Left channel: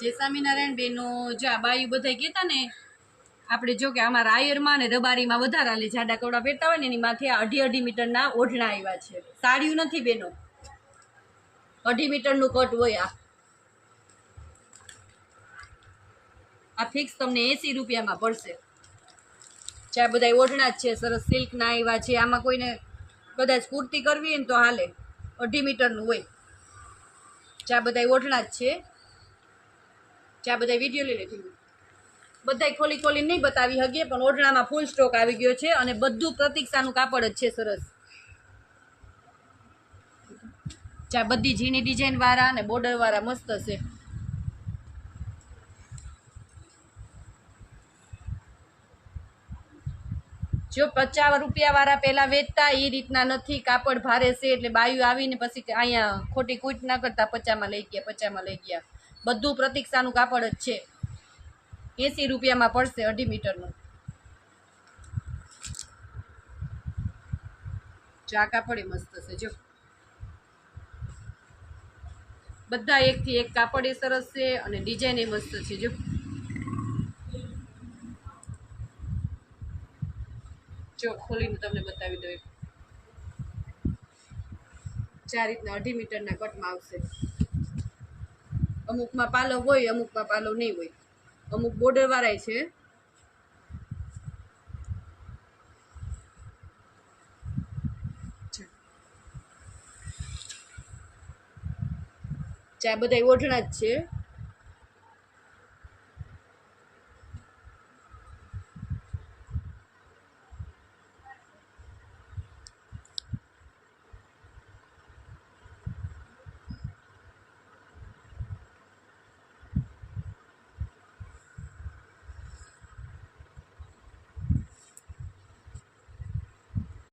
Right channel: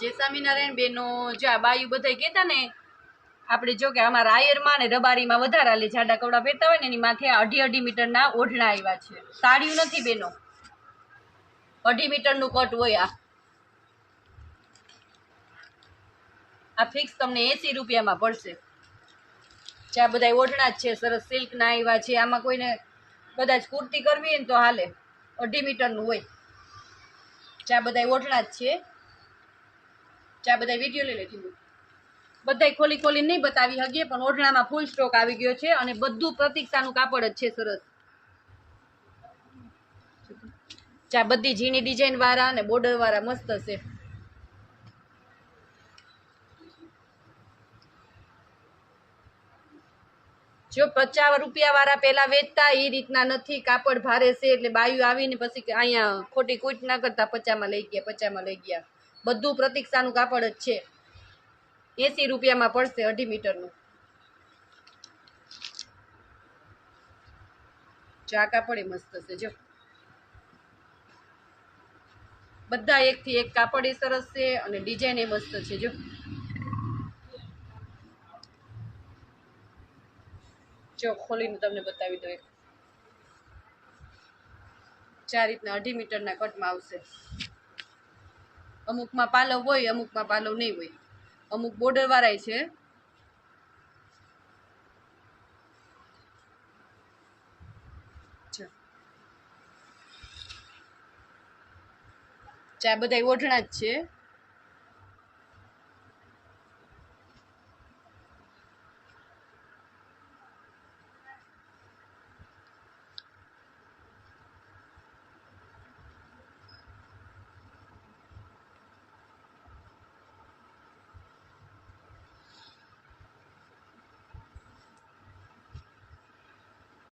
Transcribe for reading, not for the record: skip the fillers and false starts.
જે સ્વામિનારાયણ બેનો જો આ બાયું બધા કહેતા ને આપણે જો કે અમારા આયરમાં ને રબારીમાં વધારે હાલે જાડા કપડાં પહેરતા હોય ને એની માથે 2.5 મીટરના ઓઢણા આવ્યા છે. સાડીયું નથી બેનો, 2.5 મીટરનું કટ હોય. આ ફિક્સ તમને 80 રૂપિયામાં પડશે. જ્યાં બધા ઓઢણા જ છે, સરસ સિલ્કના આવ્યા છે. આમાં કોઈને કદાચ કુર્તી કરવી હોય ને તો હાલે, 2.5 મીટરનું હોય. જ્યાં બધા ઓઢણા જ છે. જ્યાં બધા વિડીયો લઈ લીધી, બધા ખોલી ખોલી નહીં બતાવી શકીએ, પણ ઓઢણામાં ફૂલ સ્ટોક આવી ગયો છે અને બધું પ્રતીક્ષાનું કાપડ જ છે. સરસ જ્યાં બધી ઝીણી ડિઝાઇન વાળા અને બોર્ડર વાળા મસ્ત છે. જો 50 રૂપિયા વાળા પેલા વેચતા એ રીતના નથી. કાપડ ભારે છે એટલે બાયું આવીને પછી અહીંયા ખોટી કૂટ ના કરતા 50માં લઈ ગયા, 50માં લઈ ગયા. બધું પ્રતીક્ષાનું કાપડ જ છે. 80 રૂપિયામાં પડશે 2.5 મીટરનું. જો આ કાપડ મસ્ત છે. જો બધા એકથી એક કાપડ એ સરસ છે અને ડિઝાઇન એ મસ્ત છે. જો ખોલીને તમને બતાવી દઉં. 4 રીતના 2.5 મીટરના કટમાં આવશે. અમુકમાં પાલવ હોય, અમુકમાં પાલવ નહીં હોય. અમુક બોર્ડર વાળા છે. ચા બધા ઓઢણા જ છે.